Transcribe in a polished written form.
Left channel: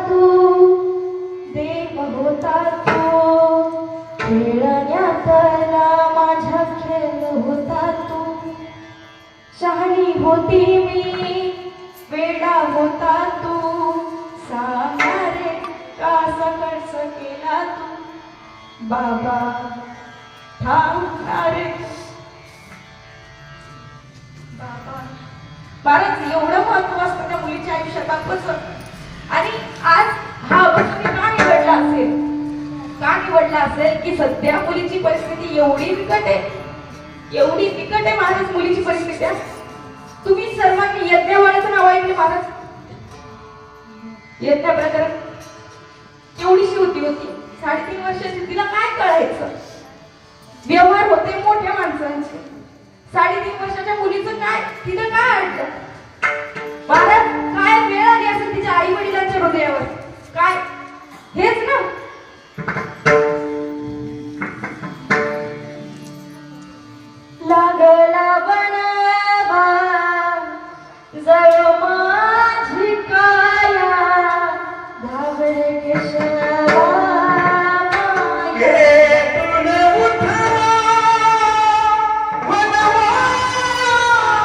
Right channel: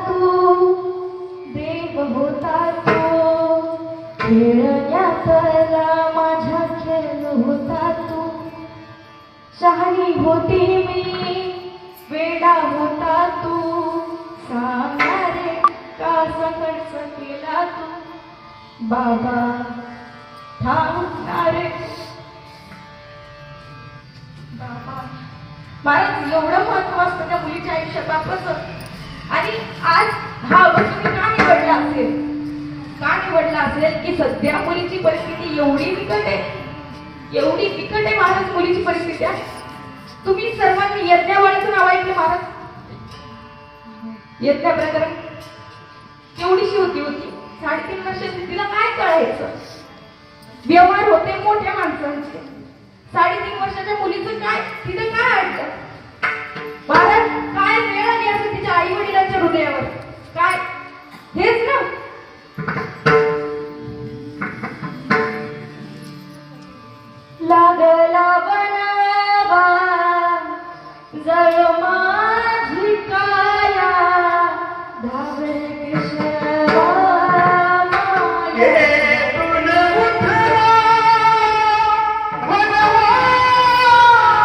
तू देव होता तू खेळण्यातला माझ्या खेळ होता तू शहाणी होती मी वेडा होता तू सांगणारे का संघर्ष केला तू बाबा थांबणारे महाराज एवढं महत्व असतं त्या मुलीच्या आयुष्यात कसं आणि आज हा तुम्ही का निवडला असेल की सध्या मुलीची परिस्थिती एवढी बिकट आहे महाराज मुलीची परिस्थिती आहे. तुम्ही सर्वांनी यज्ञवाळीचं नाव ऐकले महाराज यज्ञ प्रकरण एवढीशी होती 3.5 वर्षाची तिला काय कळायचं व्यवहार होते मोठ्या माणसांचे 3.5 वर्षाच्या मुलीचं काय तिथं काय अडलं महाराज काय वेळ आली असेल तिच्या आई वडिलांच्या हृदयावर काय हेच ना लागला बनावा जळ माझी काया धावळे केशवा